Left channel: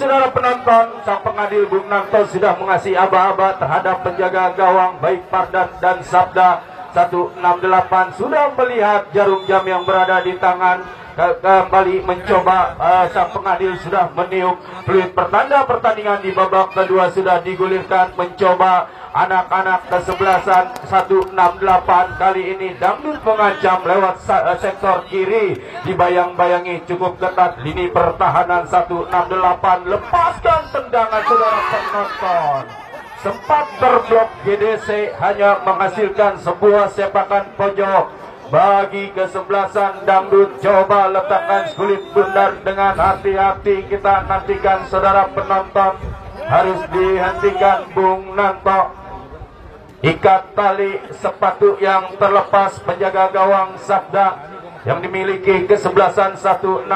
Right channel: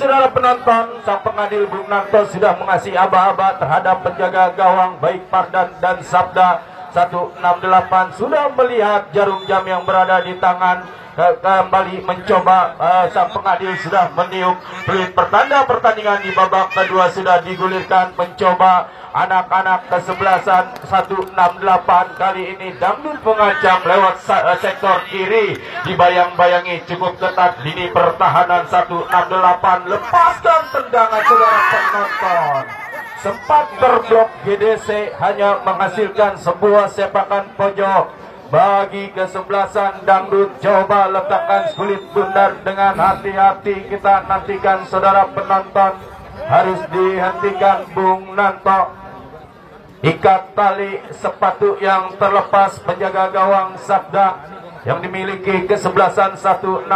saudara penonton, sang pengadil Bung Nanto sudah mengasih aba-aba terhadap penjaga gawang baik Pardan dan Sabda. 168 sudah melihat jarum jam yang berada di tangan, kembali mencoba. Sang pengadil sudah meniup peluit pertanda pertandingan di babak kedua sudah digulirkan, mencoba anak-anak kesebelasan 168. Kali ini Dangdut mengancam lewat sektor kiri, dibayang-bayangi cukup ketat lini pertahanan 168. Lepaskan tendangan saudara penonton, sempat berblok GDC, hanya menghasilkan sebuah sepakan pojok bagi kesebelasan Dangdut. Coba letakkan kulit bundar dengan hati-hati, kita nantikan saudara penonton. Harus dihentikan Bung Nanto. Ikat tali sepatu yang terlepas penjaga gawang Sabda yang dimiliki kesebelasan 168.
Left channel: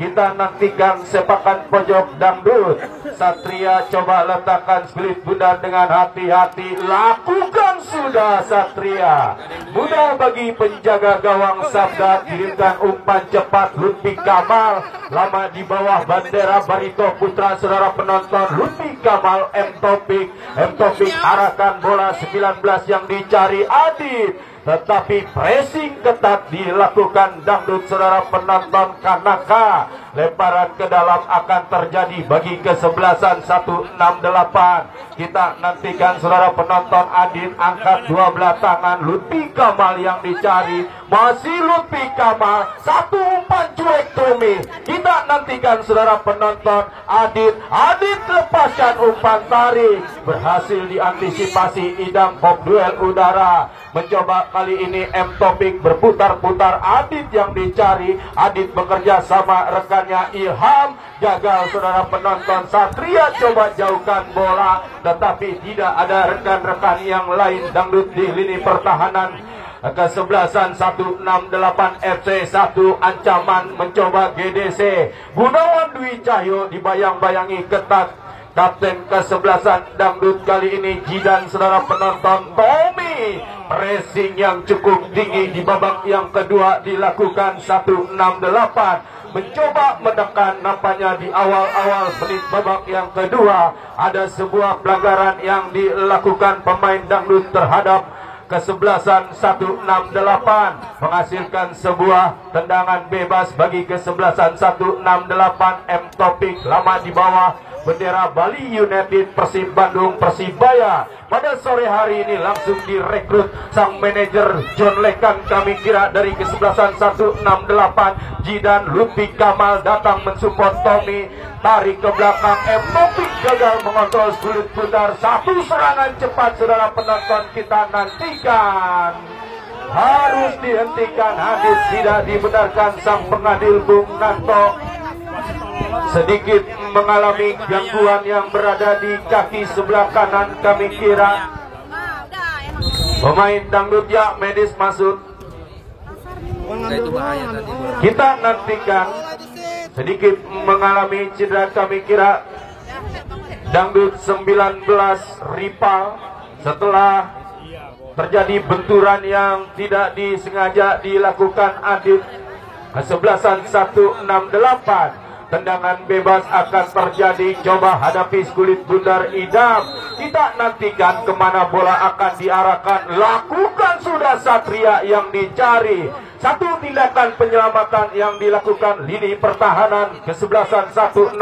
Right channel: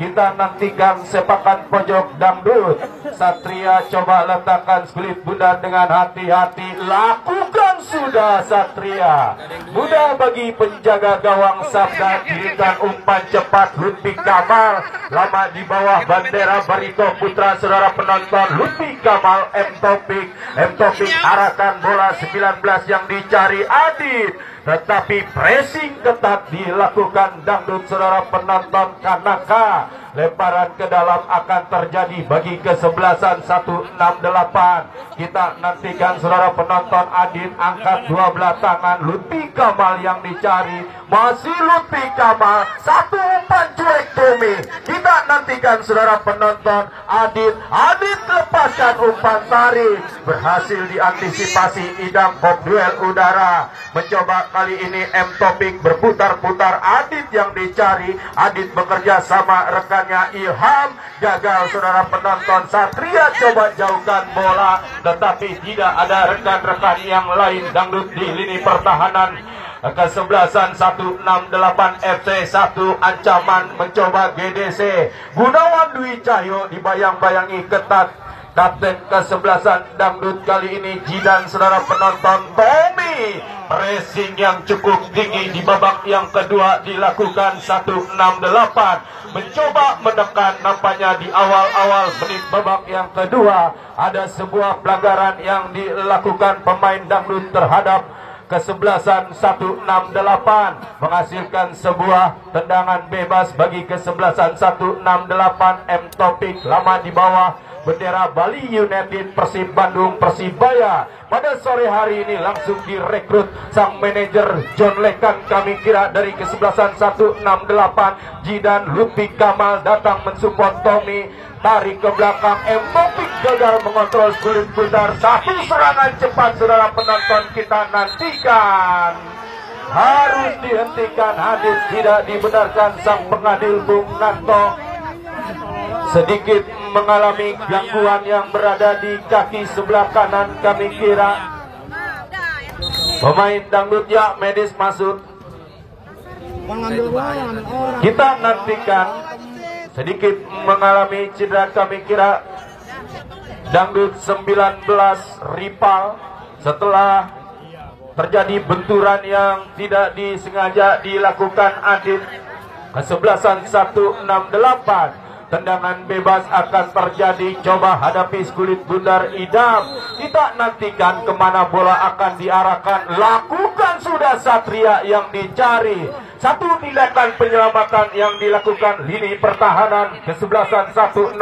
Kita nantikan sepakan pojok Dangdut. Satria coba letakkan spirit bundar dengan hati-hati. Lakukan sudah Satria. Mudah bagi penjaga gawang Sabda. Kirikan umpan cepat Lutfi Kamal. Lama di bawah bendera Barito Putra saudara penonton. Lutfi Kamal, M Taufik. M Taufik arahkan bola 19 yang dicari Adit. Tetapi pressing ketat dilakukan Dangdut saudara penonton. Kanaka lemparan ke dalam akan terjadi bagi kesebelasan 168. Kita nantikan saudara penonton. Adit angkat dua belah tangan. Lutfi Kamal yang dicari, masih Lutfi Kamal. Satu umpan cuek Tumi. Kita nantikan saudara penonton. Adit lepaskan umpan tarik, berhasil diantisipasi Idam Bob duel udara. Mencoba kali ini M Taufik berputar-putar. Adit yang dicari. Adit bekerja sama rekannya Ilham. Gagal saudara penonton. Satria coba jauhkan bola, tetapi tidak ada rekan-rekan yang lain Dangdut di lini pertahanan. Kesebelasan 168 FC 1 ancaman mencoba GDC. Gunawan Dwi Cahyo dibayang-bayangi ketat. Kapten kesebelasan Dangdut kali ini Jidan saudara penonton. Tommy, pressing yang cukup tinggi di babak yang kedua dilakukan 168. Mencoba menekan, nampaknya di awal-awal menit babak yang kedua ada sebuah pelanggaran yang dilakukan pemain Dangdut terhadap kesebelasan 168, menghasilkan sebuah tendangan bebas bagi kesebelasan 168. M Taufik lama di bawah bendera Bali United Persib Bandung Persibaya. Pada sore hari ini langsung direkrut sang manajer John Lekan kami kira dari kesebelasan 168. Jidan Lutfi Kamal datang mensupport Tommy. Tarik ke belakang, M Taufik gagal mengontrol kulit putar. Satu serangan cepat saudara penonton, kita nantikan. Harus dihentikan, habis tidak dibenarkan sang pengadil Bung Nanto. Sedikit mengalami gangguan yang berada di kaki sebelah kanan kami kira. Pemain Dangdut ya medis masuk. Kita nantikan. Sedikit mengalami cedera kami kira Dangdut 19 rival setelah terjadi benturan yang tidak disengaja dilakukan Adit. Kesebelasan 168. Tendangan bebas akan terjadi. Coba hadapi kulit bundar Idam. Kita nantikan kemana bola akan diarahkan. Lakukan sudah Satria yang dicari. Satu tindakan penyelamatan yang dilakukan lini pertahanan kesebelasan 168.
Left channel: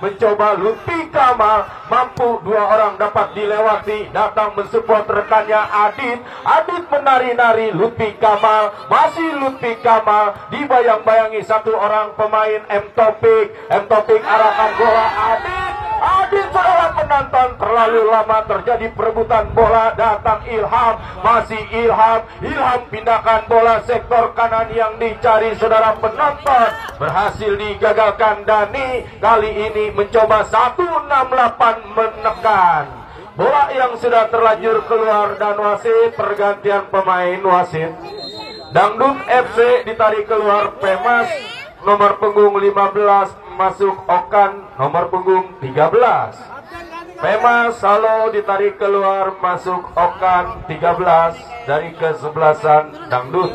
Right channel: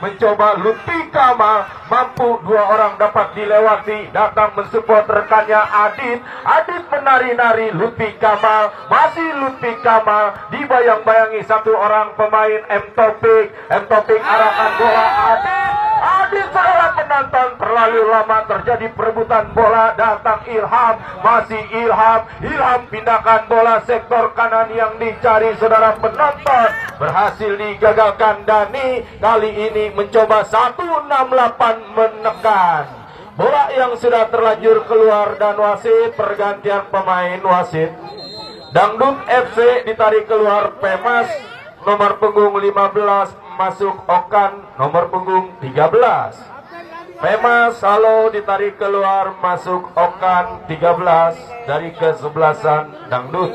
Mencoba Lutfi Kamal. Mampu dua orang dapat dilewati. Datang mensupport rekannya Adit. Adit menari-nari. Lutfi Kamal. Masih Lutfi Kamal. Dibayang-bayangi satu orang pemain M Taufik. M Taufik arahkan bola Adit. Adit saudara penonton, terlalu lama terjadi perebutan bola. Datang Ilham. Masih Ilham. Ilham pindahkan bola sektor kanan yang dicari saudara penonton. Berhasil digagalkan Dani. Kali ini mencoba 168 menekan. Bola yang sudah terlanjur keluar dan wasit pergantian pemain wasit. Dangdut FC ditarik keluar Pemas nomor punggung 15 masuk Okan nomor punggung 13. Mema Salo ditarik keluar, masuk Okan 13 dari kesebelasan Dangdut.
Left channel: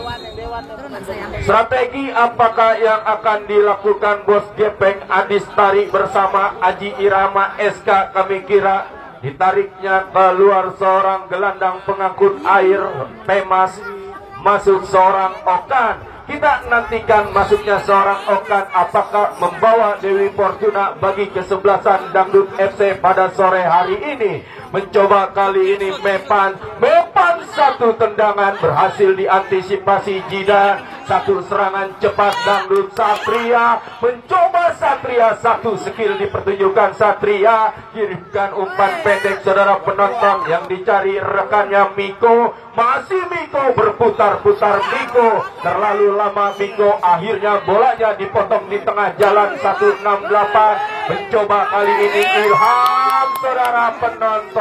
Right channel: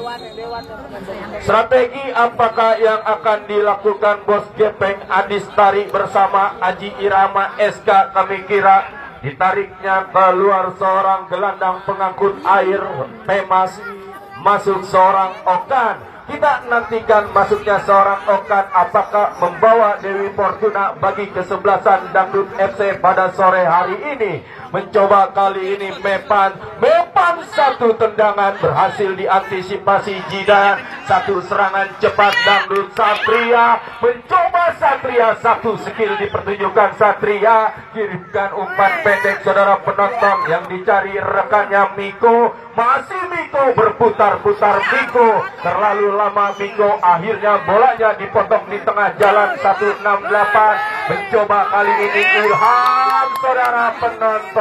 Strategi apakah yang akan dilakukan Bos Gepeng Adis tarik bersama Aji Irama SK? Kami kira ditariknya keluar seorang gelandang pengangkut air Pemas, masuk seorang Okan. Kita nantikan masuknya seorang Okan apakah membawa Dewi Fortuna bagi kesebelasan Dangdut FC pada sore hari ini. Mencoba kali ini Mepan satu tendangan berhasil diantisipasi Jidan. Satu serangan cepat Dangdut Satria. Mencoba Satria, satu skill dipertunjukkan Satria. Kirimkan umpan pendek saudara penonton yang dicari rekannya Miko. Masih Miko berputar-putar Miko. Terlalu lama Miko, akhirnya bolanya dipotong di tengah jalan 168. Mencoba kali ini Ilham saudara penonton.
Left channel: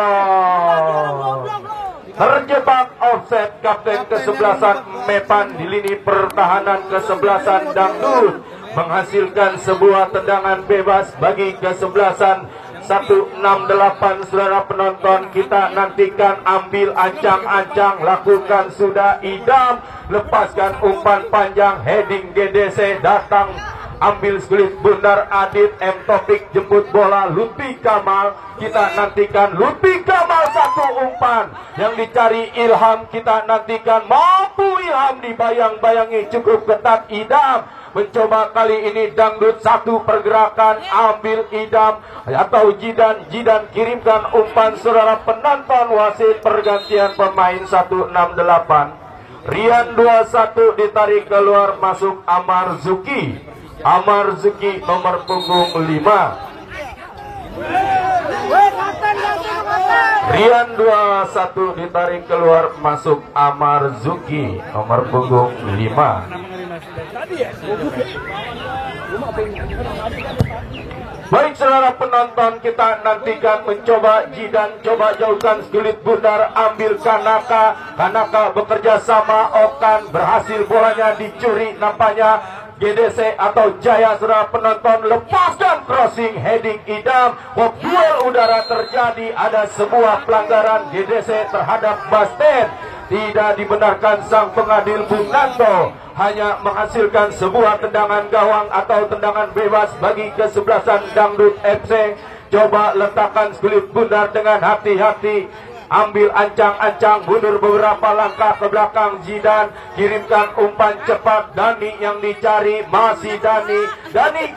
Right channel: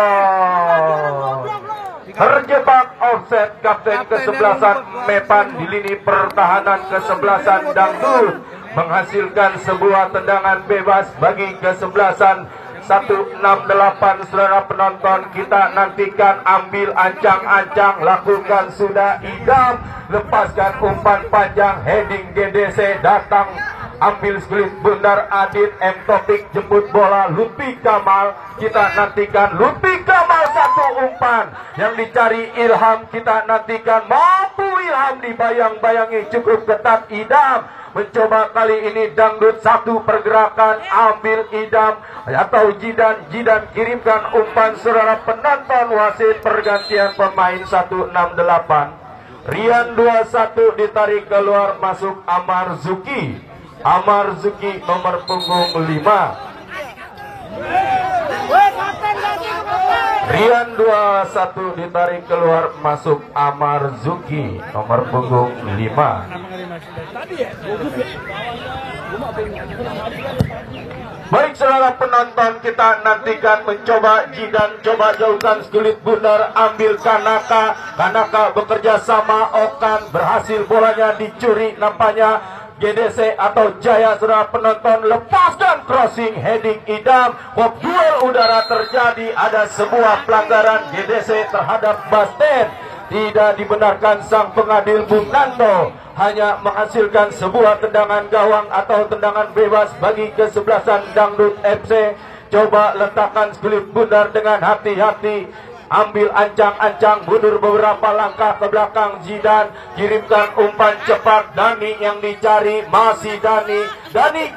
Terjebak offset kapten kesebelasan Mepan di lini pertahanan kesebelasan Dangdut, menghasilkan sebuah tendangan bebas bagi kesebelasan 168. Saudara penonton, kita nantikan ambil ancang-ancang, lakukan sudah idam, lepaskan umpan panjang, heading GDC datang, ambil skulit bundar Adit M. Topik, jemput bola Lutfi Kamal. Kita nantikan Lutfi Kamal, satu umpan yang dicari Ilham. Kita nantikan mampu Ilham dibayang-bayangi, cukup ketat idam. Mencoba kali ini Dangdut, satu pergerakan ambil idam atau Jidan kirimkan umpan saudara penonton. Wasit pergantian pemain 168. Rian 21 ditarik keluar, masuk Amar Zuki nomor punggung 5. Rian 21 ditarik keluar, masuk Amar Zuki nomor punggung 5. Baik saudara penonton, kita nantikan mencoba Jidan, coba jauhkan skulit bundar, ambil Kanaka bekerja sama Okan, berhasil bolanya dicuri nampaknya GDC atau Jaya. Saudara penonton, lepaskan crossing heading idam. Duel udara terjadi, ada sebuah pelanggaran GDC terhadap Basten. Tidak dibenarkan sang pengadil Bung Nanto, hanya menghasilkan sebuah tendangan gawang atau tendangan bebas bagi kesebelasan Dangdut FC. Coba letakkan skulit bundar dengan hati-hati, ambil ancang-ancang, mundur beberapa langkah ke belakang Jidan, kirimkan umpan cepat. Dani yang dicari, masih Dani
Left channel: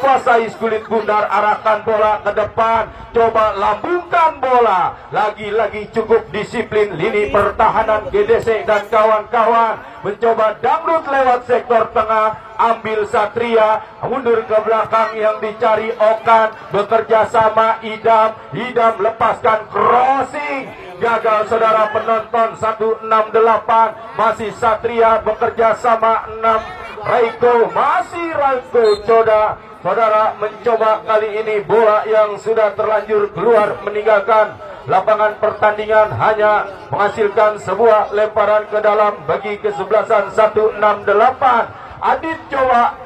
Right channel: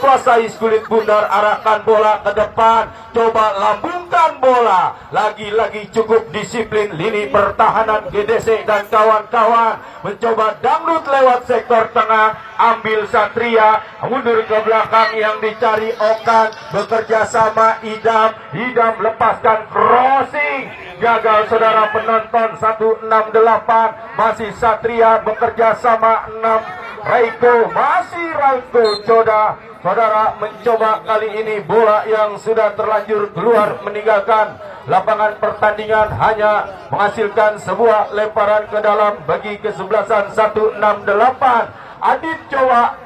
kuasai skulit bundar, arahkan bola ke depan, coba lambungkan bola. Lagi-lagi cukup disiplin lini pertahanan GDC dan kawan-kawan. Mencoba Dangdut lewat sektor tengah, ambil Satria, mundur ke belakang yang dicari Okan, bekerja sama Idam lepaskan crossing, gagal saudara penonton. 168 masih Satria, bekerja sama 6 Raiko, masih Raiko. Saudara mencoba kali ini bola yang sudah terlanjur keluar meninggalkan lapangan pertandingan, hanya menghasilkan sebuah lemparan ke dalam bagi kesebelasan 168. Adit coba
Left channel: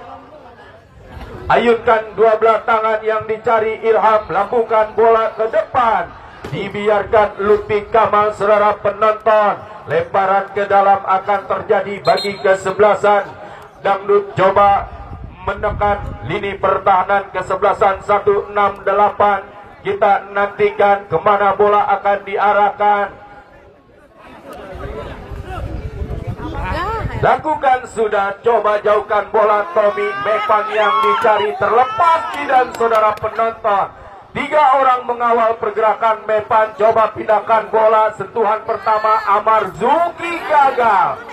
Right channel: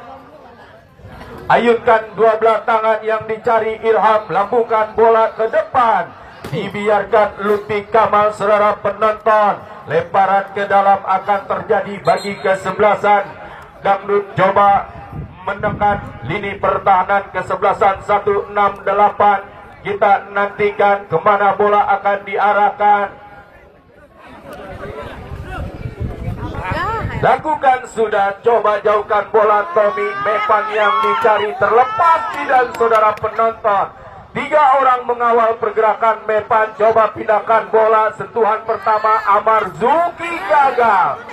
ayunkan dua belah tangan yang dicari Ilham, lambungkan bola ke depan, dibiarkan Lutfi Kamal. Saudara penonton, lemparan ke dalam akan terjadi bagi kesebelasan Dangdut. Coba menekan lini pertahanan kesebelasan 168. Kita nantikan kemana bola akan diarahkan. Lakukan sudah, coba jauhkan bola Tommy. Mepan yang dicari terlepas dan saudara penonton. 3 orang mengawal pergerakan Mepan, coba pindahkan bola. Sentuhan pertama Amar Zuki gagal.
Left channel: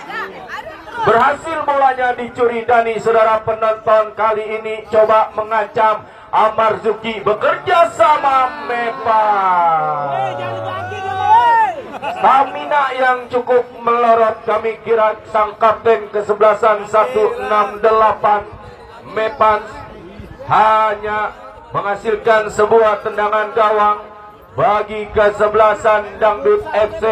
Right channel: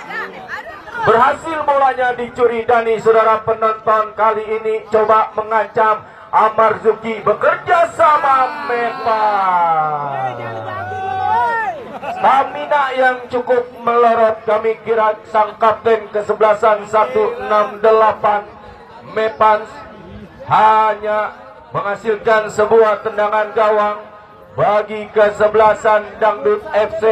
Berhasil bolanya dicuri Dani. Saudara penonton, kali ini coba mengancam Amar Zuki, bekerja sama Mepan. Stamina yang cukup melorot, kami kira sang kapten kesebelasan 168 Mepan hanya menghasilkan sebuah tendangan gawang bagi kesebelasan Dangdut FC.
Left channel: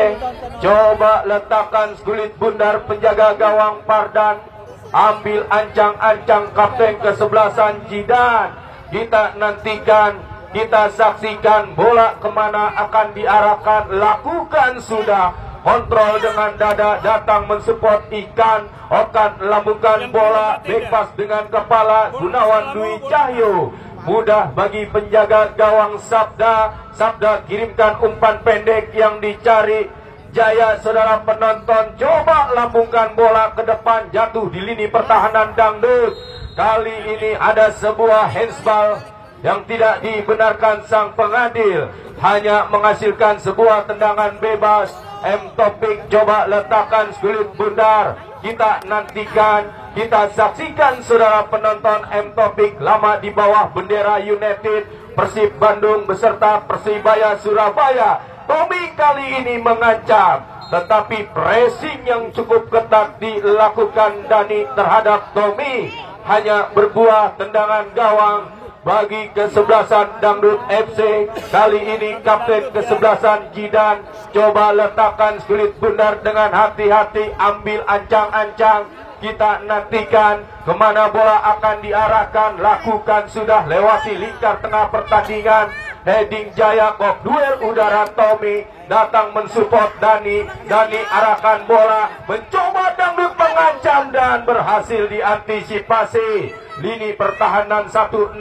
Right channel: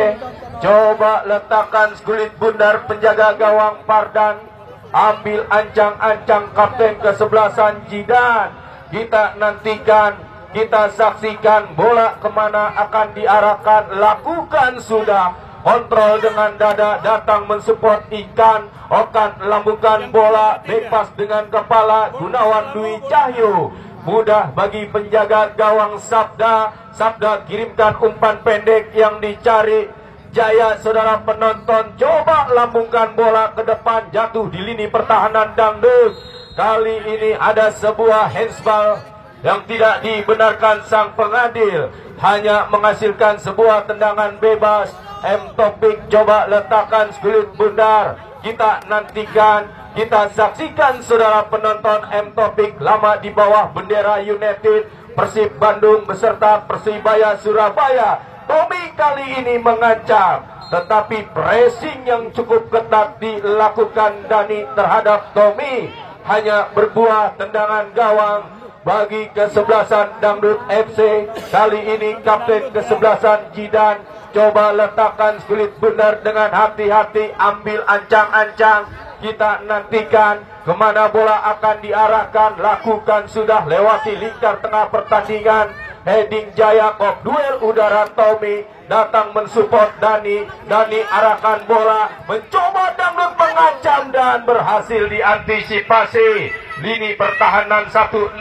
Coba letakkan skulit bundar penjaga gawang Pardan, ambil ancang-ancang kapten kesebelasan Jidan. Kita nantikan kita saksikan bola kemana akan diarahkan, lakukan sudah. Kontrol dengan dada, datang mensupport ikan. Okan lambungkan bola, bebas dengan kepala. Gunawan Dwi Cahyo, mudah bagi penjaga gawang Sabda. Sabda kirimkan umpan pendek yang dicari Jaya. Saudara penonton, coba lambungkan bola ke depan, jatuh di lini pertahanan Dangdut. Kali ini ada sebuah handsball yang tidak dibenarkan sang pengadil, hanya menghasilkan sebuah tendangan bebas. M Topik coba letakkan kulit bundar. Kita nantikan, kita saksikan saudara penonton. M Topik lama di bawah bendera United Persib Bandung beserta Persibaya Surabaya. Tommy kali ini mengancam, tetapi pressing yang cukup ketat dilakukan Dani terhadap Tommy, hanya berbuah tendangan gawang bagi kesebelasan Dangdut FC. Kali ini kapten kesebelasan Jidan coba letakkan kulit bundar dengan hati-hati, ambil ancang-ancang. Kita nantikan kemana bola akan diarahkan, lakukan sudah, lewati lingkar tengah pertandingan. Heading Jaya, kok duel udara Tommy, datang mensupport Dani. Dani arahkan bola, mencoba Dangdut mengancam dan berhasil diantisipasi. Lini pertahanan 168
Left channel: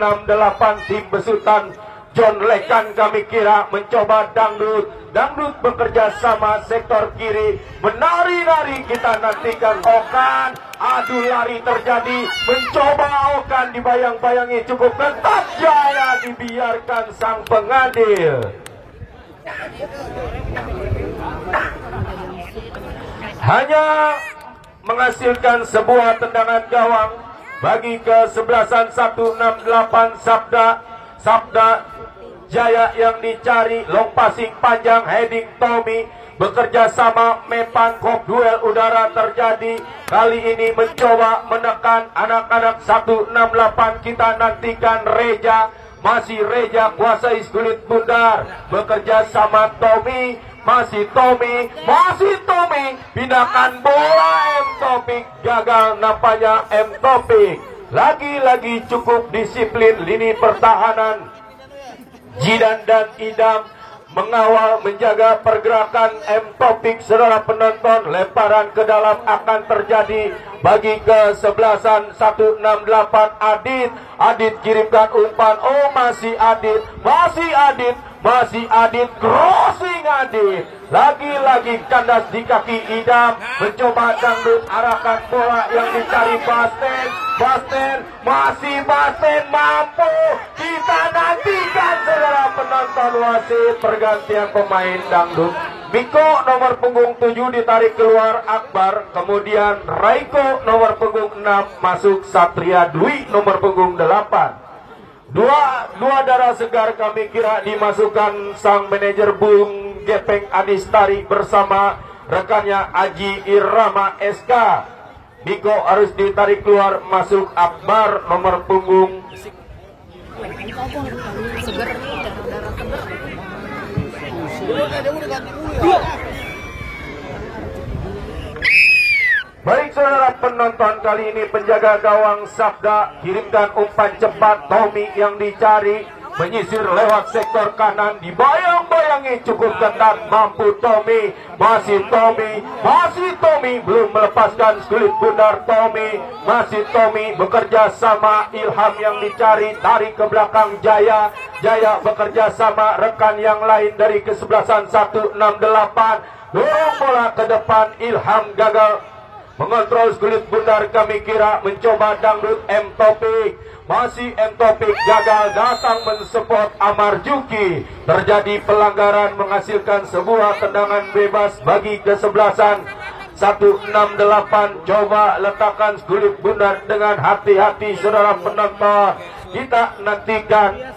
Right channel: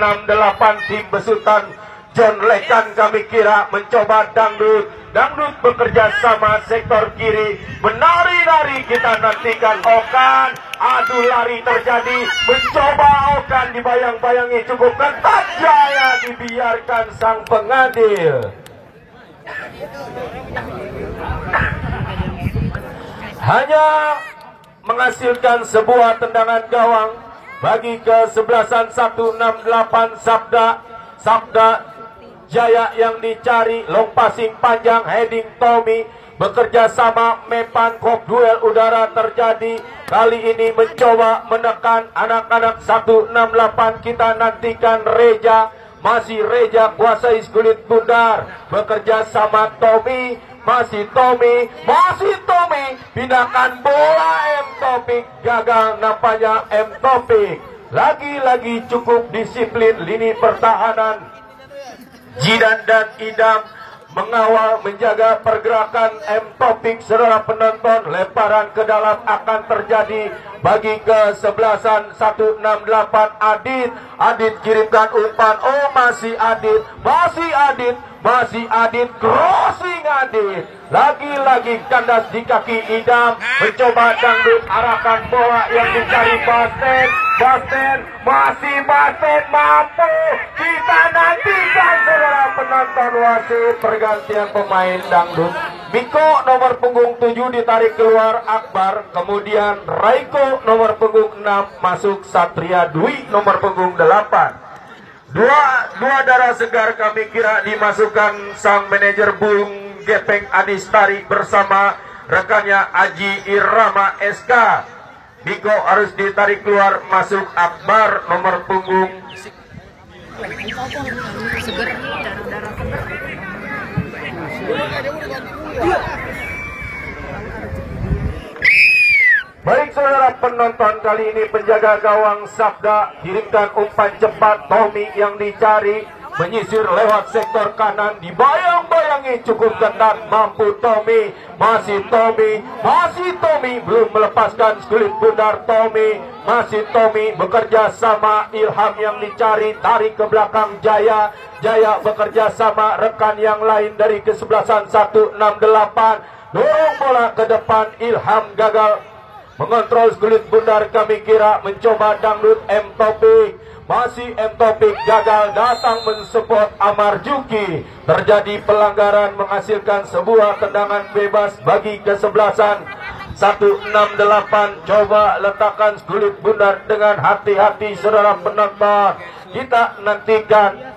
tim besutan John Lekan kami kira mencoba Dangdut. Dangdut bekerja sama sektor kiri, menari-nari. Kita nantikan Okan, adu lari terjadi, mencoba Okan, dibayang-bayangi cukup ketat. Jaya dibiarkan sang pengadil. Hanya menghasilkan sebuah tendangan gawang bagi kesebelasan 168 Sabda Jaya yang dicari. Long passing panjang, heading Tommy, bekerja sama Mepan. Kok duel udara terjadi. Kali ini mencoba menekan anak-anak 168. Kita nantikan Reja, masih Reja kuasai kulit bundar, bekerja sama Tommy. Masih Tommy, pindahkan bola. M Topik gagal nampaknya. M Topik lagi-lagi cukup disiplin lini pertahanan. Jidan dan Idam mengawal, menjaga pergerakan M Topik. Saudara penonton, lemparan ke dalam akan terjadi bagi kesebelasan 168 Adit kirimkan umpan. Oh, masih Adit, crossing Adit. Lagi-lagi kandas di kaki Idam, mencoba Dangdut arahkan bola yang dicari Basten, masih Basten mampu. Kita nantikan saudara penonton, wasit pergantian pemain Dangdut. Miko nomor punggung 7 ditarik keluar Akbar, kemudian Raiko nomor punggung 6 masuk Satria Dwi nomor punggung 8. Dua darah segar kami kira dimasukkan sang manajer Bung Gepeng Adis Tarik bersama rekannya Aji Irama SK. Miko harus ditarik keluar, masuk Akbar nomor punggung Baik saudara penonton, kali ini penjaga gawang Sabda kirimkan umpan cepat. Tommy yang dicari, menyisir lewat sektor kanan, dibayang-bayangi cukup ketat, mampu Tommy. Masih Tommy belum melepaskan kulit bundar. Masih Tommy bekerja sama Ilham yang dicari, tarik ke belakang Jaya bekerja sama rekan yang lain dari kesebelasan 168, dorong bola ke depan. Ilham gagal mengontrol kulit bundar kami kira, mencoba Dangdut. M Topik, masih M Topik gagal, datang mensupport Amar Juki. Terjadi pelanggaran, menghasilkan sebuah tendangan bebas bagi kesebelasan 168. Coba letakkan kulit bundar dengan hati-hati saudara penonton. Kita nantikan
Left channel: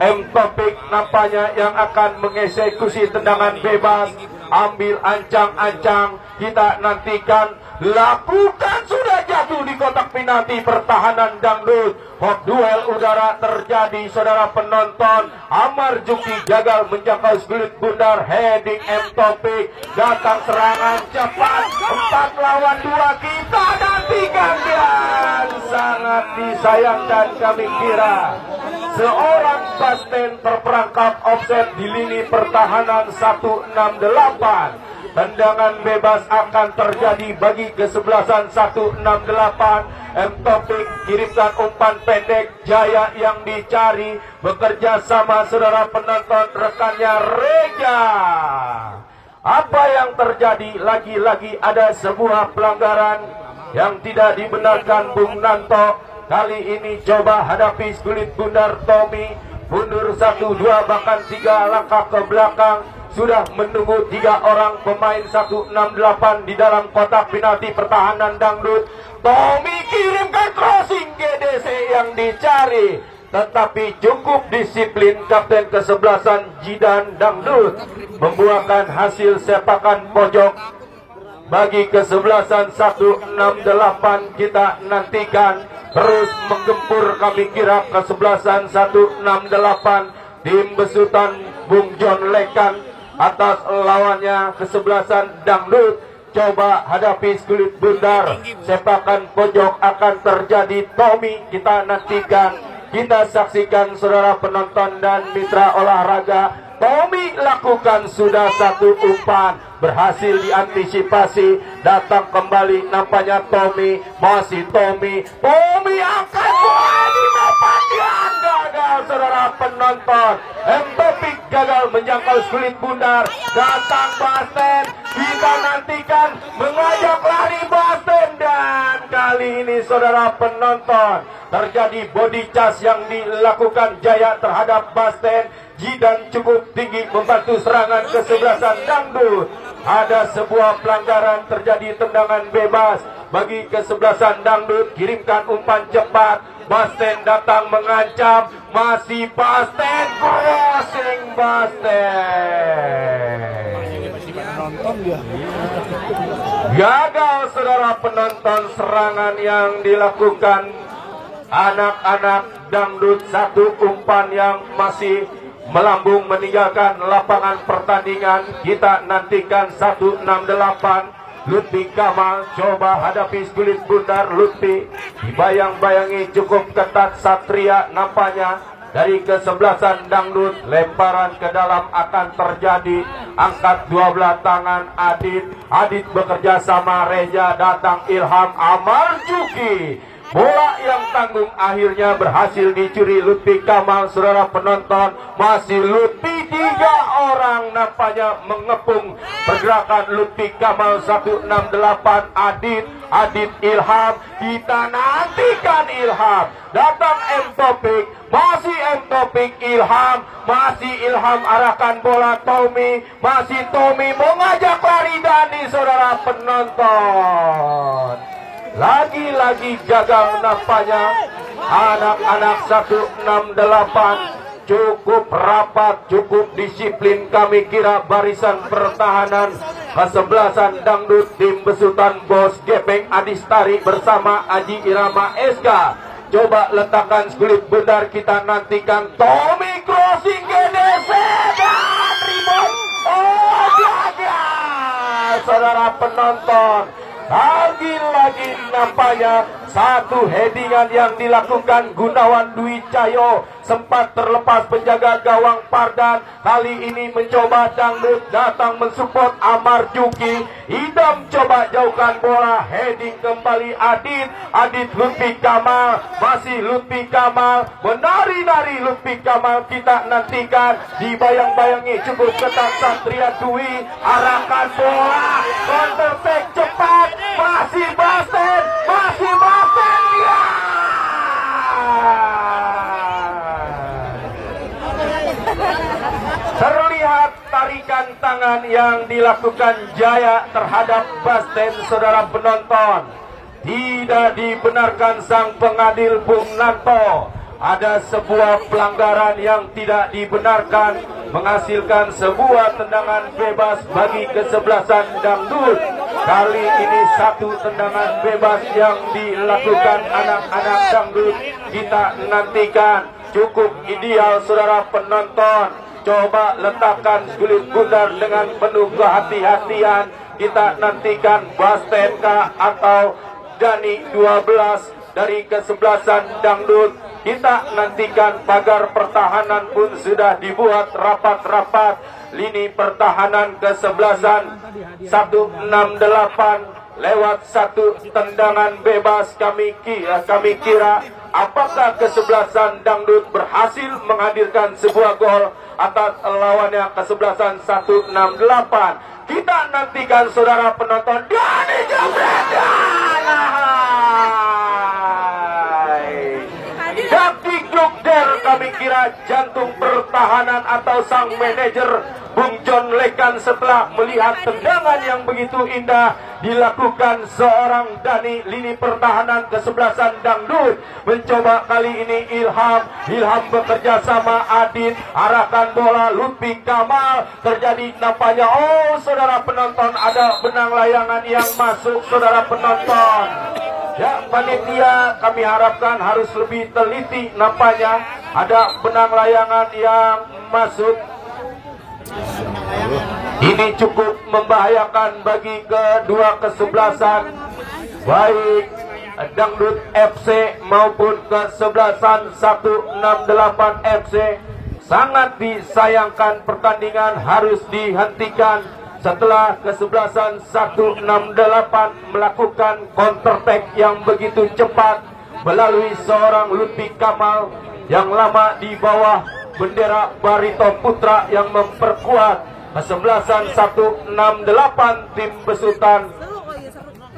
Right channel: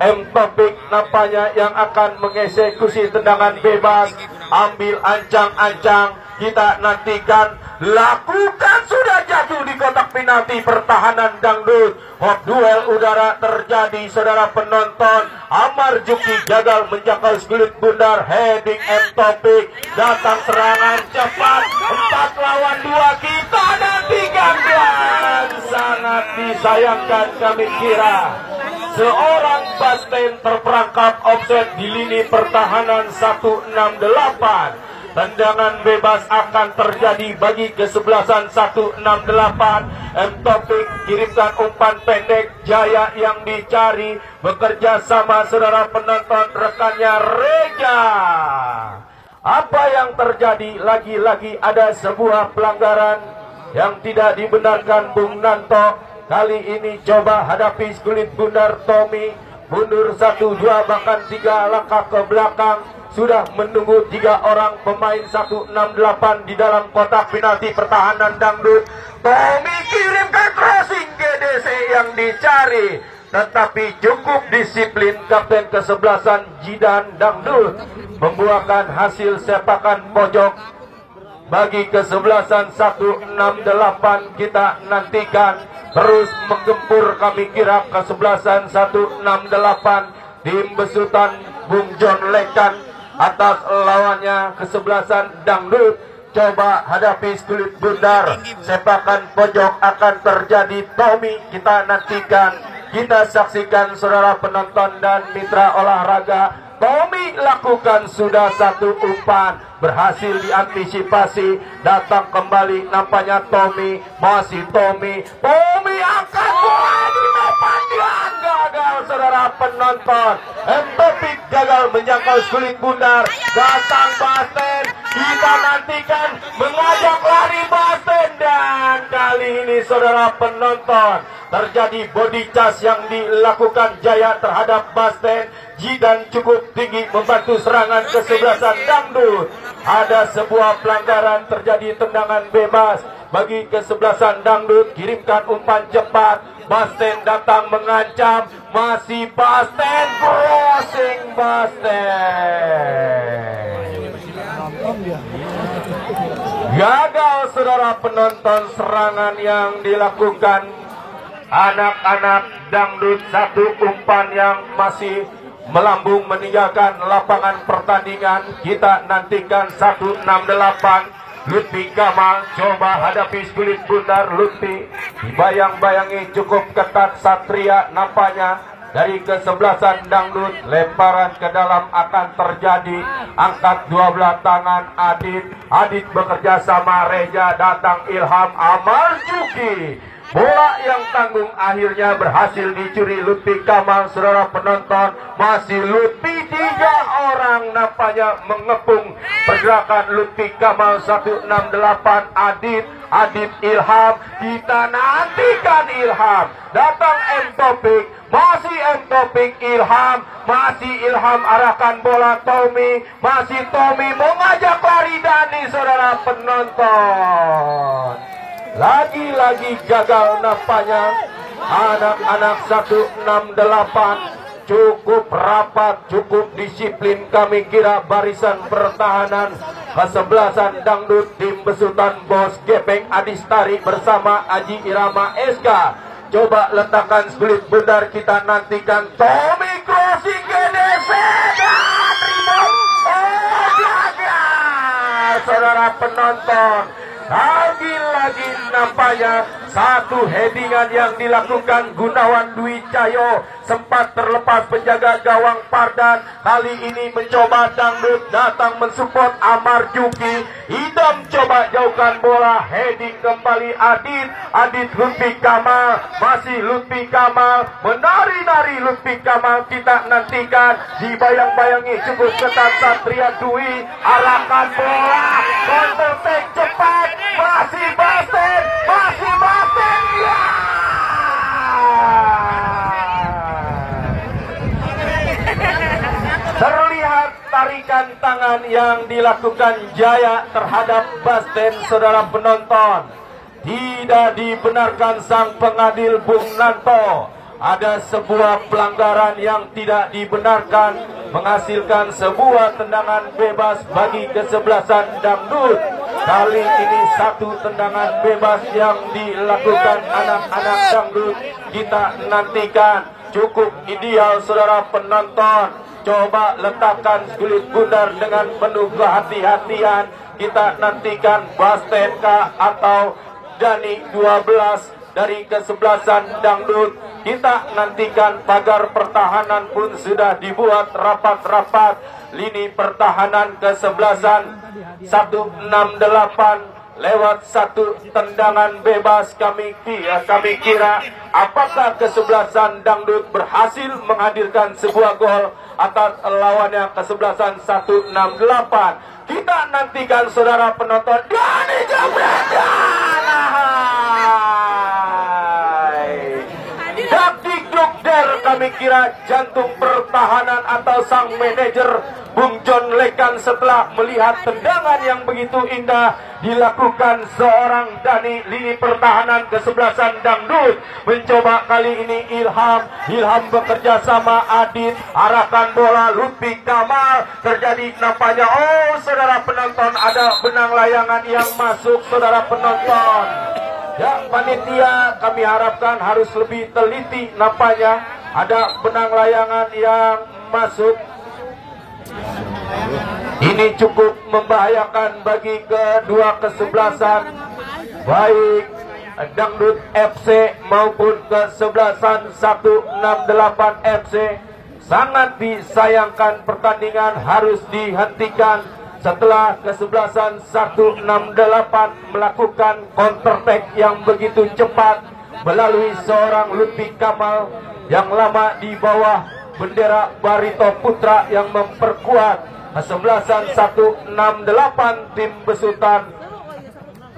M Topik nampaknya yang akan mengeksekusi tendangan bebas, ambil ancang-ancang. Kita nantikan, lakukan, sudah jatuh di kotak penalti pertahanan Dangdut. Hot duel udara terjadi saudara penonton. Amar Juki gagal menjangkau kulit bundar, heading M Topik, datang serangan cepat 4 lawan 2. Kita nantikan, dan sangat disayangkan kami kira seorang Basten terperangkap offset di lini pertahanan 168. Tendangan bebas akan terjadi bagi kesebelasan 168. Topik kirimkan umpan pendek, Jaya yang dicari bekerja sama saudara penonton rekannya Reja. Apa yang terjadi? Lagi-lagi ada sebuah pelanggaran yang tidak dibenarkan Bung Nanto. Kali ini coba hadapi kulit bundar Tommy. Mundur 1, 2 bahkan 3 langkah ke belakang. Sudah menunggu 3 orang pemain 168 di dalam kotak penalti pertahanan dangdut. Tommy kirimkan crossing GDC yang dicari, tetapi cukup disiplin kapten kesebelasan Jidan Dangdut membuahkan hasil sepakan pojok bagi kesebelasan 168. Kita nantikan terus menggempur kami kira kesebelasan 168 tim besutan Bung John Lekan atas lawannya kesebelasan Dangdut. Coba hadapi kulit bundar, sepakan pojok akan terjadi. Tommy kita nantikan, kita saksikan saudara penonton dan mitra olahraga. Tommy lakukan sudah 1 umpan, berhasil diantisipasi, datang kembali nampaknya Tommy, masih Tommy angkat bola di depan dia, gagal saudara penonton. Topik gagal menjangkau kulit bundar, datang Basten, kita nantikan mengajak lari Basten, dan kali ini saudara penonton terjadi body charge yang dilakukan Jaya terhadap Basten. Jidan cukup tinggi membantu serangan kesebelasan Dangdut. Ada sebuah pelanggaran, terjadi tendangan bebas bagi kesebelasan Dangdut. Kirimkan umpan cepat, Basten datang mengancam, masih Basten, crossing Basten. Gagal saudara penonton serangan yang dilakukan anak-anak Dangdut. 1 umpan yang masih melambung meninggalkan lapangan pertandingan. Kita nantikan 168. Lutfi Kamal coba hadapi kulit bundar. Lutfi dibayang-bayangi cukup ketat Satria nampaknya dari kesebelasan Dangdut. Lemparan ke dalam akan terjadi, angkat 12 tangan Adit bekerja sama Reja, datang Ilham Amarjuki. Bola yang tanggung akhirnya berhasil dicuri Lutfi Kamal. Saudara penonton, masih Lutfi, 3 orang nampaknya mengepung pergerakan Lutfi Kamal 168. Adit Ilham, kita nantikan Ilham, datang Topik, masih Topik, Ilham, masih Ilham arahkan bola Tommy, masih Tommy mengajak lari Dani. Saudara penonton, lagi-lagi gagal nampaknya. Anak-anak 168 cukup rapat, cukup disiplin kami kira barisan pertahanan kesebelasan Dangdut tim besutan Bos Gepeng Adistari bersama Aji Irama SK. Coba letakkan kulit bundar, kita nantikan Tommy crossing GDC dan rebound. Oh, gagal saudara penonton. Lagi-lagi nampaknya 1 headingan yang dilakukan Gunawan Dwi Cahyo sempat terlepas penjaga gawang Pardan. Kali ini mencoba Dangdut datang mensupport Amarjuki. Idam coba jauhkan bola, heading kembali Adit Lutfi Kamal, masih Lutfi Kamal, menari-nari Lutfi Kamal. Kita nantikan, dibayang-bayangi cukup ketat Satria Dwi, arahkan bola, komposek cepat, masih Basten, ya! Terlihat tarikan tangan yang dilakukan Jaya terhadap Basten, saudara penonton. Tidak dibenarkan sang pengadil Bung Nanto. Ada sebuah pelanggaran yang tidak dibenarkan, menghasilkan sebuah tendangan bebas bagi kesebelasan Dangdut. Kali ini 1 tendangan bebas yang dilakukan anak-anak Dangdut. Kita nantikan, cukup ideal saudara penonton. Coba letakkan kulit bundar dengan penuh kehati-hatian. Kita nantikan Basten atau Dani 12 dari kesebelasan Dangdut. Kita nantikan pagar pertahanan pun sudah dibuat rapat-rapat. Lini pertahanan kesebelasan 168 lewat satu tendangan bebas. Kami kira apakah kesebelasan Dangdut berhasil menghadirkan sebuah gol atas lawannya kesebelasan 168. Kita nantikan saudara penonton. Dari kami kira jantung pertahanan atau sang manajer Bung John Lekan setelah melihat tendangan yang begitu indah dilakukan seorang Dani. Lini pertahanan kesebelasan Dangdut mencoba kali ini Ilham bekerja sama Adit, arahkan bola Lutfi Kamal, terjadi nampaknya saudara penonton ada benang layangan yang masuk saudara penonton. Ya, panitia kami harapkan harus lebih teliti, nampaknya ada benang layangan yang masuk. Ini cukup membahayakan bagi kedua kesebelasan, baik Dangdut FC maupun kesebelasan 168 FC. Sangat disayangkan pertandingan harus dihentikan setelah kesebelasan 168 melakukan counter attack yang begitu cepat melalui seorang Lutfi Kamal yang lama di bawah bendera Barito Putra yang memperkuat kesebelasan 168 tim besutan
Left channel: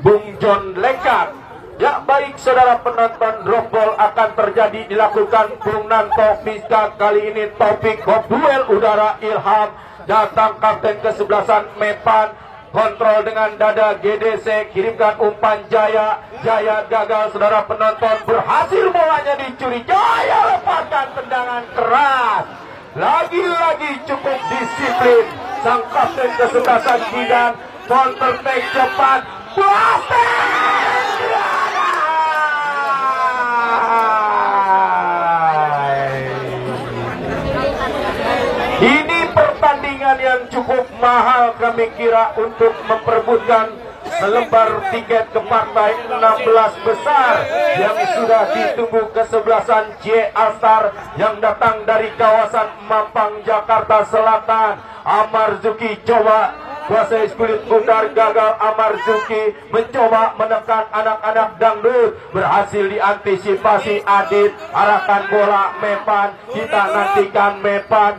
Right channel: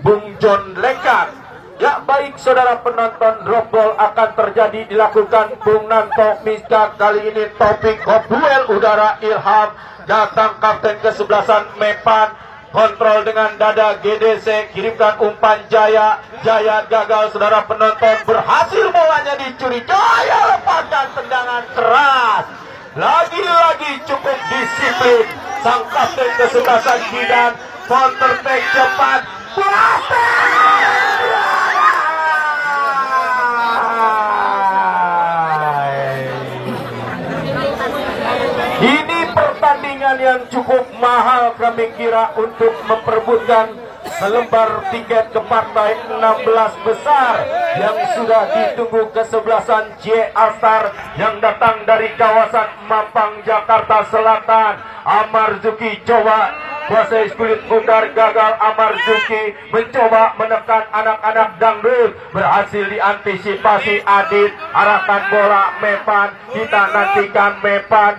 Bung John Lekan. Ya, baik saudara penonton, drop ball akan terjadi dilakukan Bung Nanto Miska. Kali ini topik duel udara Ilham, datang kapten kesebelasan Mepan, kontrol dengan dada GDC, kirimkan umpan Jaya gagal saudara penonton, berhasil bolanya dicuri, Jaya lepaskan tendangan keras. Lagi-lagi cukup disiplin sang kapten kesebelasan Bidan, counter attack cepat, ini pertandingan yang cukup mahal kami kira untuk memperebutkan selembar tiket ke partai 16 besar yang sudah ditunggu kesebelasan J Astar yang datang dari kawasan Mampang, Jakarta Selatan. Amarzuki coba kuasai kulit putar, gagal. Amarzuki mencoba menekan anak-anak Dangdut, berhasil diantisipasi Adit, arahkan bola Mepan. Kita nantikan Mepan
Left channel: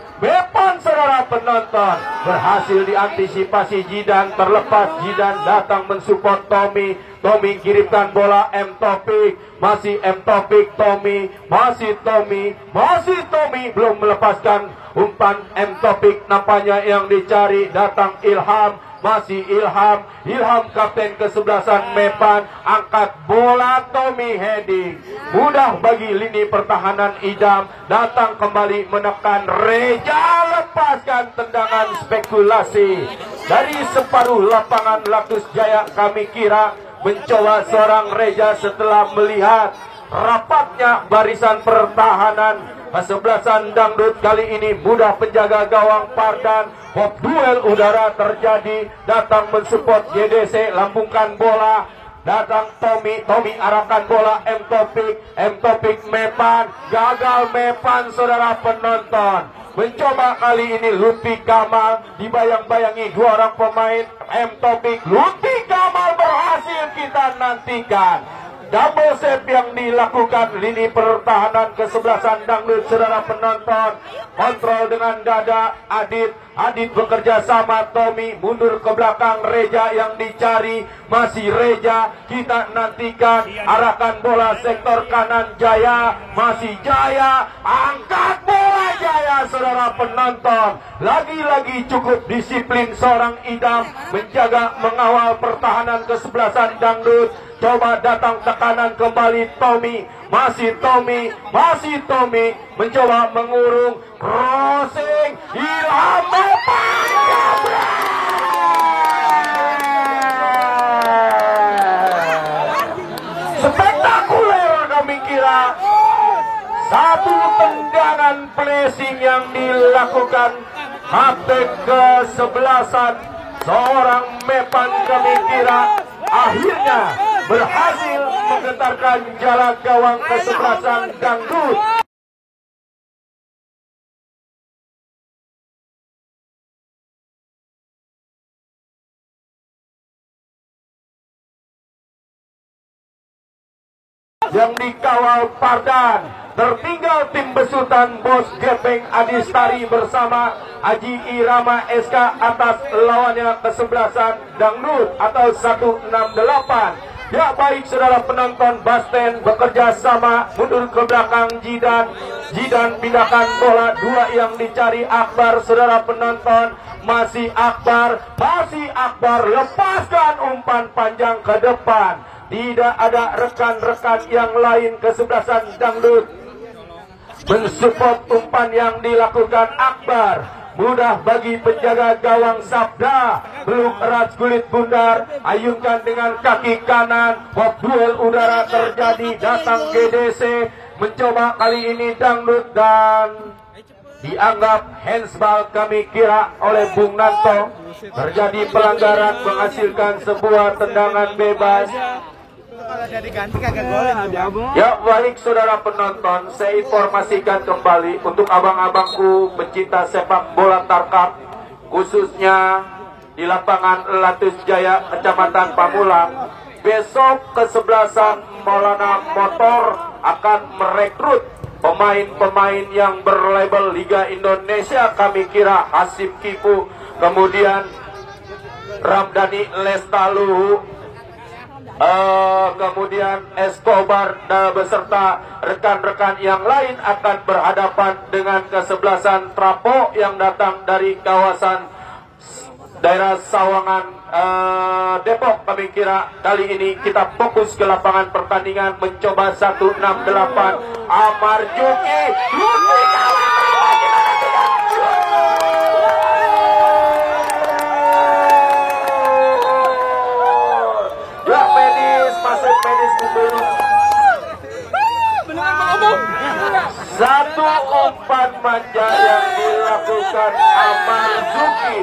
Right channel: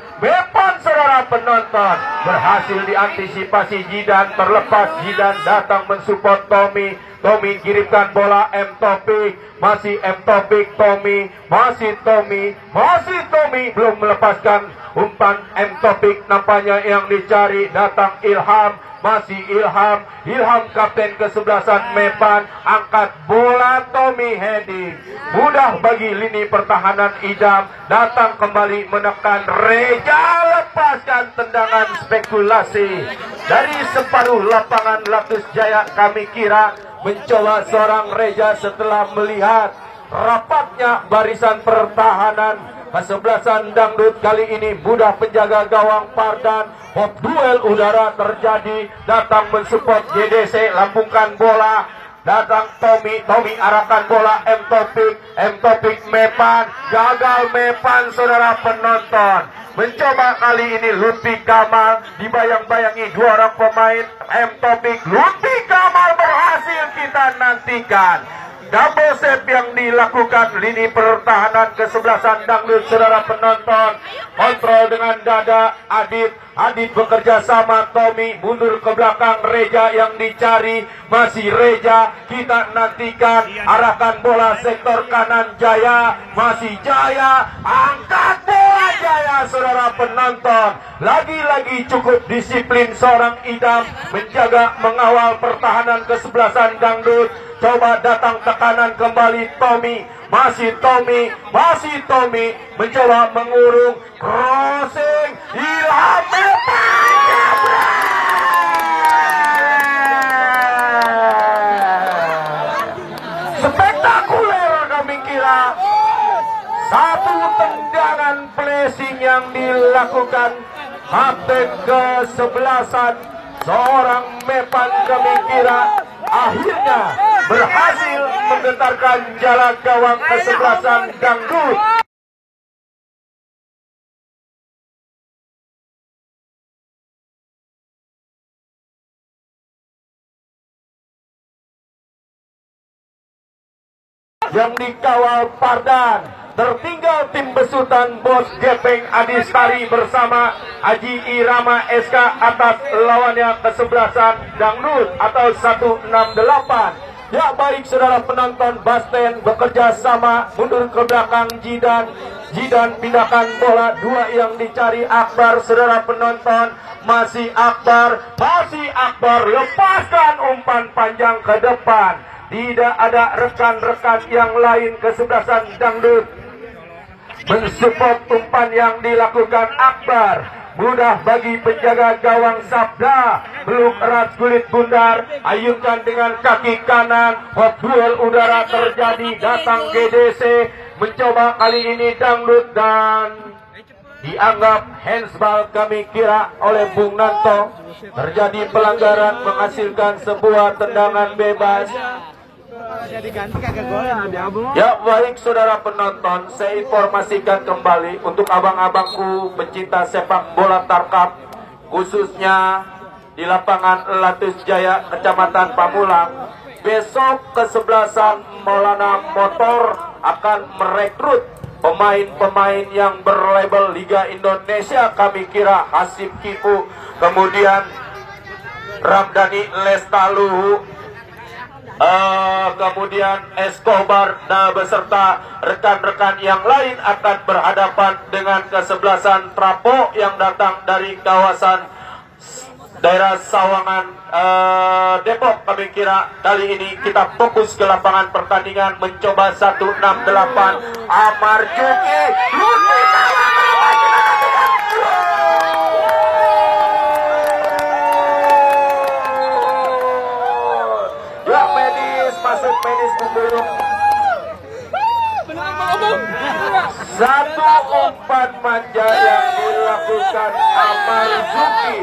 saudara penonton, berhasil diantisipasi Jidan, terlepas Jidan datang mensupport Tommy kirimkan bola M Taufik, masih M Taufik, masih Tommy belum melepaskan umpan M Taufik, nampaknya yang dicari datang Ilham, masih Ilham kapten kesebelasan Mepan, angkat bola Tommy heading, mudah bagi lini pertahanan Idam, datang kembali menekan Reja, lepaskan tendangan spekulasi dari separuh lapangan Latus Jaya. Kami kira mencoba seorang Reja setelah melihat rapatnya barisan pertahanan kesebelasan Dangdut. Kali ini mudah penjaga gawang Pardan. Duel udara terjadi, datang mensupport GDC, lambungkan bola, datang Tommy arahkan bola M Taufik Mepan, gagal Mepan saudara penonton. Mencoba kali ini Lutfi Kamal, dibayang-bayangi dua orang pemain M Taufik, Lutfi Kamal berhasil. Kita nantikan double save yang dilakukan lini pertahanan kesebelasan Dangdut saudara penonton. Kontrol dengan dada Adit bekerja sama Tommy, mundur ke belakang Reja yang dicari, masih Reja. Kita nantikan arahkan bola sektor kanan Jaya, masih Jaya, angkat bola Jaya saudara penonton. Lagi-lagi cukup disiplin seorang Idam menjaga mengawal pertahanan kesebelasan Dangdut. Coba datang tekanan kembali Tommy, masih Tommy mencoba mengurung, crossing Ilham Mepan, spektakuler kami kira. Satu tendangan placing yang dilakukan kapten kesebelasan seorang Mepan, kami kira akhirnya berhasil menggetarkan jala gawang kesebelasan Dangdut. Yang dikawal Pardan. Tertinggal tim besutan Bos Gepeng Adistari bersama Haji Irama SK atas lawannya kesebelasan Dangdut atau 168. Ya baik saudara penonton, Basten bekerja sama mundur ke belakang Jidan pindahkan bola, dua yang dicari Akbar saudara penonton. Masih Akbar lepaskan umpan panjang ke depan. Tidak ada rekan-rekan yang lain kesebelasan Dangdut mensupport umpan yang dilakukan Akbar. Mudah bagi penjaga gawang Sabda, belum erat kulit bundar, ayunkan dengan kaki kanan. Duel udara terjadi, datang GDC mencoba kali ini Dangdut dan dianggap handsball kami kira oleh Bung Nanto. Terjadi pelanggaran menghasilkan sebuah tendangan bebas. Ya baik saudara penonton, saya informasikan kembali untuk abang-abangku pecinta sepak bola Tarkam, khususnya di lapangan Latus Jaya, Kecamatan Pamulang. Besok kesebelasan Maulana Motor akan merekrut pemain-pemain yang berlabel Liga Indonesia. Kami kira Hasib Kipu, kemudian Ramdhani Lestaluhu, kemudian Escobar beserta rekan-rekan yang lain akan berhadapan dengan kesebelasan Trapo yang datang dari kawasan daerah Sawangan, Depok. Kami kira kali ini kita fokus ke lapangan pertandingan mencoba 168. Amar Juki masuk medis kubur. Satu umpan manja yang dilakukan Amar Zuki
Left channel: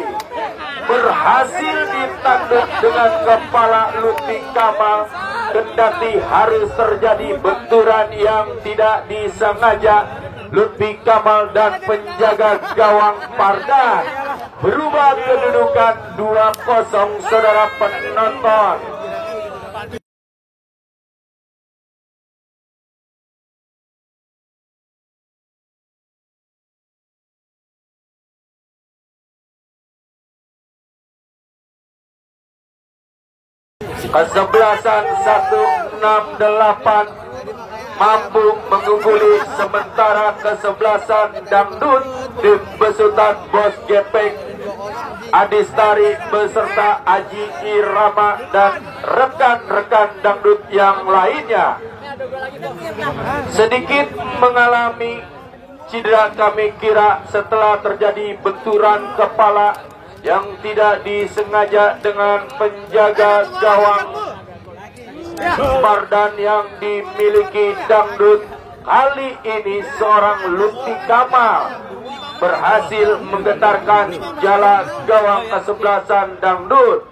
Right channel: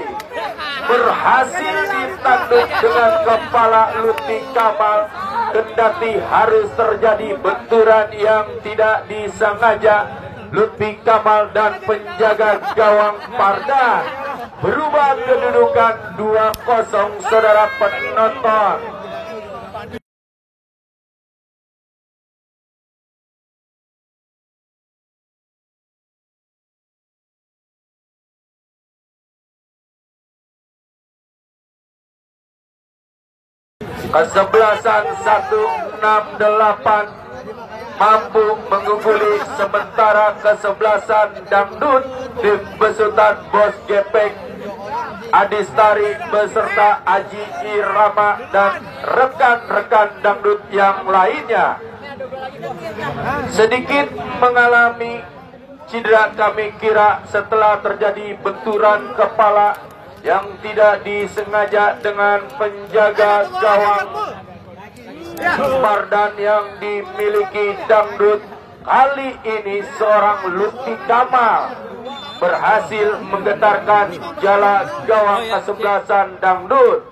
berhasil ditanduk dengan kepala Lutfi Kamal. Kendati harus terjadi benturan yang tidak disengaja, Lutfi Kamal dan penjaga gawang Pardan berubah kedudukan 2-0 saudara penonton. Kesebelasan 168 mampu mengungguli, sementara kesebelasan Dangdut tim besutan Bos Gepeng Adistari beserta Haji Irama dan rekan-rekan Dangdut yang lainnya sedikit mengalami cedera kami kira setelah terjadi benturan kepala yang tidak disengaja dengan penjaga gawang Pardan yang dimiliki Dangdut. Kali ini seorang Lutfi Kamal berhasil menggetarkan jala gawang kesebelasan Dangdut.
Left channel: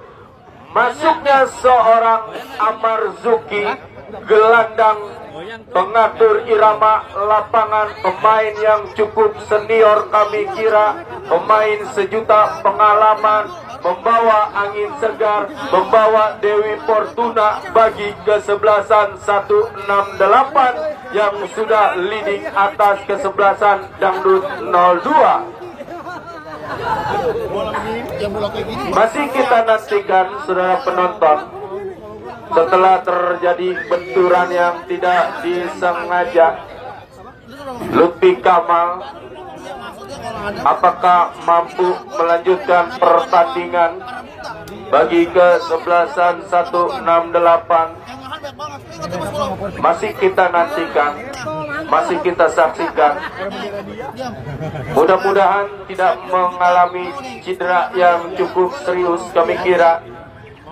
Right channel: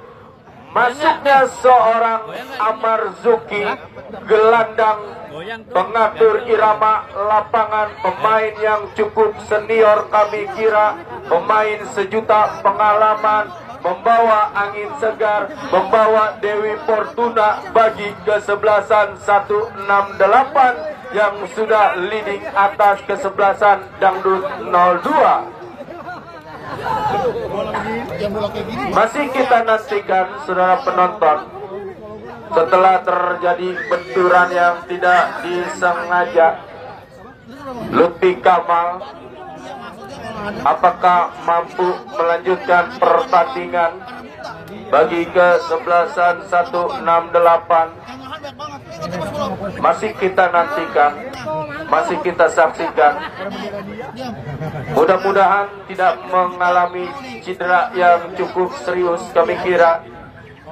Masuknya seorang Amar Zuki, gelandang pengatur irama lapangan, pemain yang cukup senior kami kira, pemain sejuta pengalaman, membawa angin segar, membawa Dewi Fortuna bagi kesebelasan 168 yang sudah leading atas kesebelasan Dangdut 02. Masih kita nantikan saudara penonton, setelah terjadi benturan yang tidak disengaja, Lutfi Kamal apakah mampu melanjutkan pertandingan bagi kesebelasan 168? Masih kita nantikan, masih kita saksikan. Mudah-mudahan tidak mengalami cedera yang cukup serius. Kami kira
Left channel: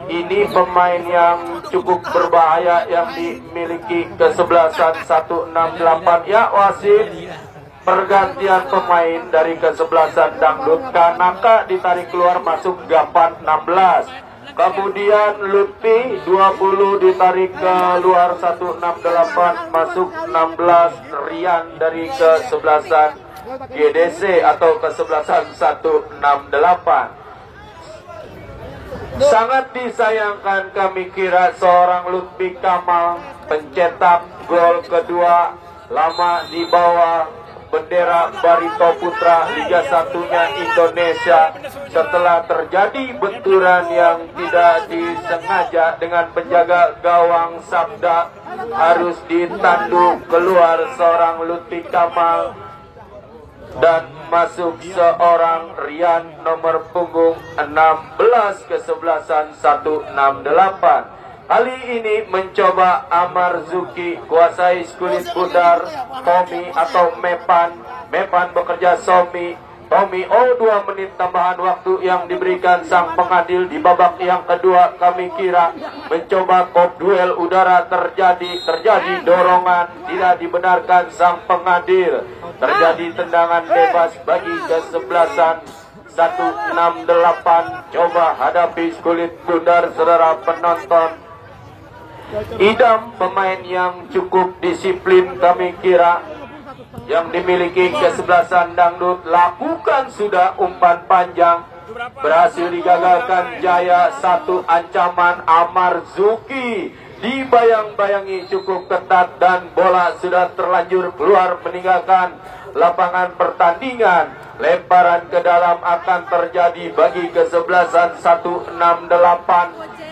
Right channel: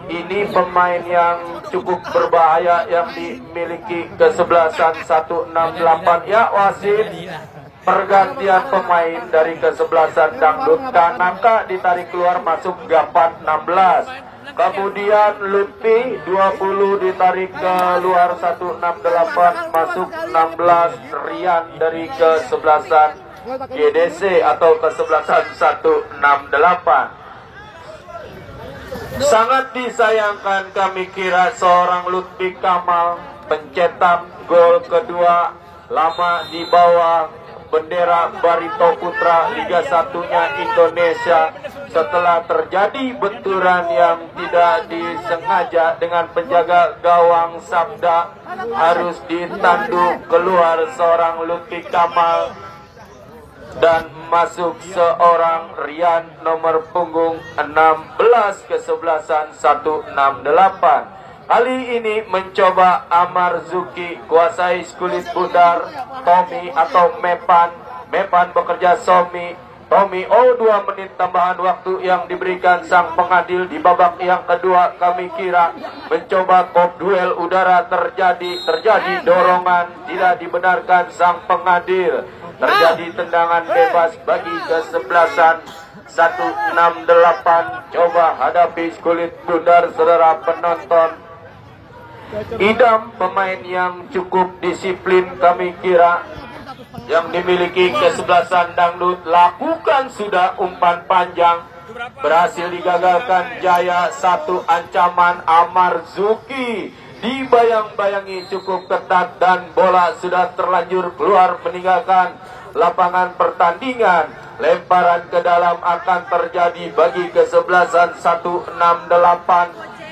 ini pemain yang cukup berbahaya yang dimiliki kesebelasan 168. Ya wasit, pergantian pemain dari kesebelasan Dangdut. Kanaka ditarik keluar, masuk Gapan 16. Kemudian Lutfi 20 ditarik keluar 168, masuk 16 Rian dari kesebelasan GDC atau kesebelasan 168. Sangat disayangkan kami kira seorang Lutfi Kamal pencetak gol kedua lama di bawah bendera Barito Putra Liga 1-nya Indonesia setelah terjadi benturan yang tidak disengaja dengan penjaga gawang Sabda, harus ditanduk keluar seorang Lutfi Kamal dan masuk seorang Rian nomor punggung 16 kesebelasan 168. Kali ini mencoba Amarzuki kuasai kulit bundar Tommy atau Mepan. Mepan bekerja Tommy. 2 menit tambahan waktu yang diberikan sang pengadil di babak yang kedua. Kami kira mencoba kop duel udara terjadi dorongan, tidak dibenarkan sang pengadil. Terjadi tendangan bebas bagi kesebelasan 168. Coba hadapi kulit bundar saudara penonton. Idam pemain yang cukup disiplin kami kira, yang dimiliki kesebelasan dangdut, lakukan sudah umpan panjang, berhasil digagalkan Jaya. Satu ancaman Amarzuki dibayang-bayangi cukup ketat dan bola sudah terlanjur keluar meninggalkan lapangan pertandingan. Lemparan ke dalam akan terjadi bagi kesebelasan 168.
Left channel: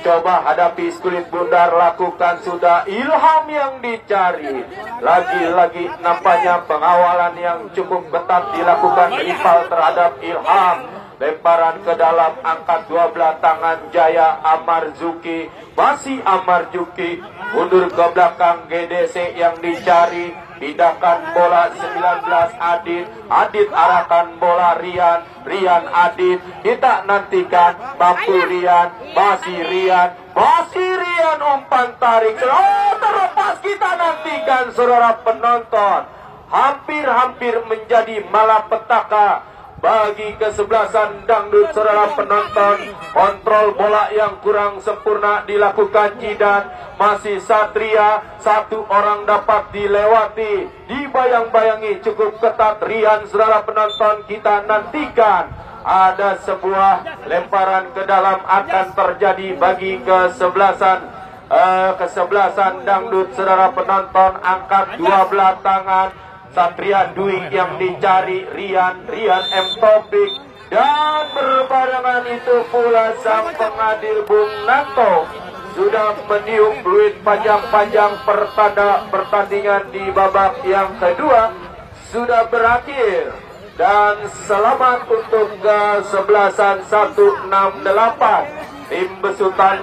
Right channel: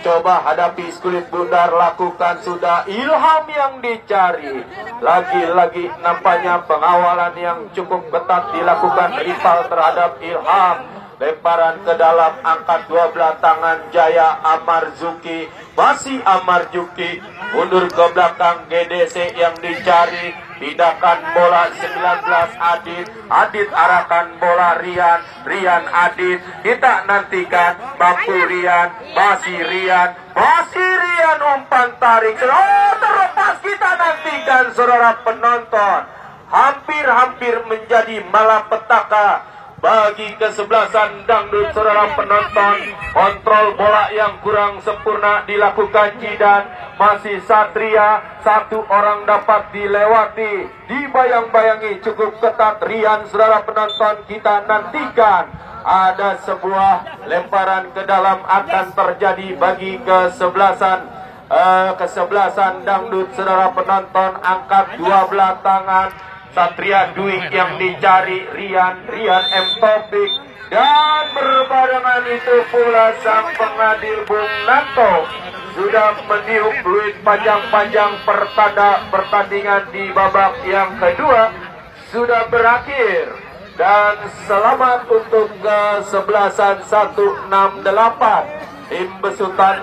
Coba hadapi kulit bundar, lakukan sudah Ilham yang dicari. Lagi-lagi nampaknya pengawalan yang cukup ketat dilakukan rival terhadap Ilham. Lemparan ke dalam, angkat dua belah tangan Jaya. Amarzuki, masih Amarzuki, mundur ke belakang GDC yang dicari. Pindahkan bola 19 Adit. Adit arahkan bola Rian. Rian Adit. Kita nantikan mampu Rian. Masih Rian. Umpan tarik. Oh, terlepas, kita nantikan saudara penonton. Hampir menjadi malapetaka bagi kesebelasan dangdut saudara penonton. Kontrol bola yang kurang sempurna dilakukan Jidan. Masih Satria, satu orang dapat dilewati, dibayang-bayangi cukup ketat Rian saudara penonton. Kita nantikan ada sebuah lemparan ke dalam akan terjadi bagi kesebelasan dangdut saudara penonton. Angkat dua belah tangan Satria Dwi yang dicari Rian M. Taufik, dan berbarengan itu pula sang pengadil Bung Nanto sudah meniup fluid panjang-panjang. Pertandingan di babak yang kedua sudah berakhir, dan selamat untuk kesebelasan 168 tim besutan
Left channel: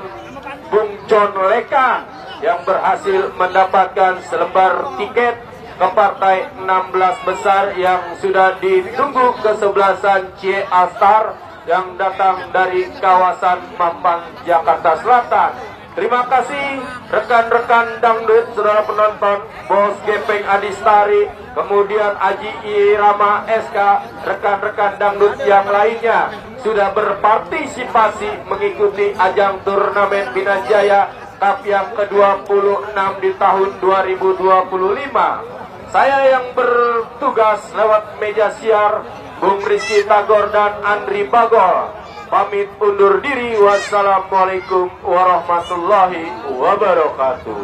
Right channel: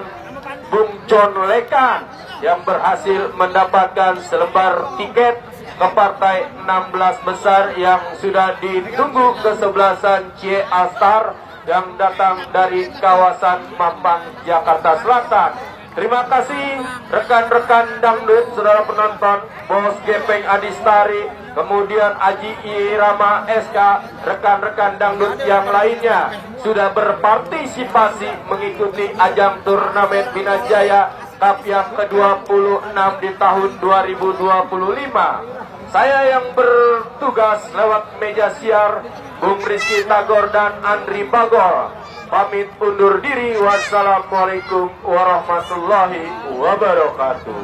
Bung John Lekan yang berhasil mendapatkan selembar tiket ke partai 16 besar yang sudah ditunggu kesebelasan Cie Astar yang datang dari kawasan Mampang, Jakarta Selatan. Terima kasih rekan-rekan dangdut saudara penonton, Bos Gepeng Adistari, kemudian Aji Irama SK, rekan-rekan dangdut yang lainnya sudah berpartisipasi mengikuti ajang turnamen Binajaya Cup yang ke-26 di tahun 2025. Saya yang bertugas lewat meja siar, Bung Rizky Tagor dan Andri Bagol, pamit undur diri. Wassalamualaikum warahmatullahi wabarakatuh.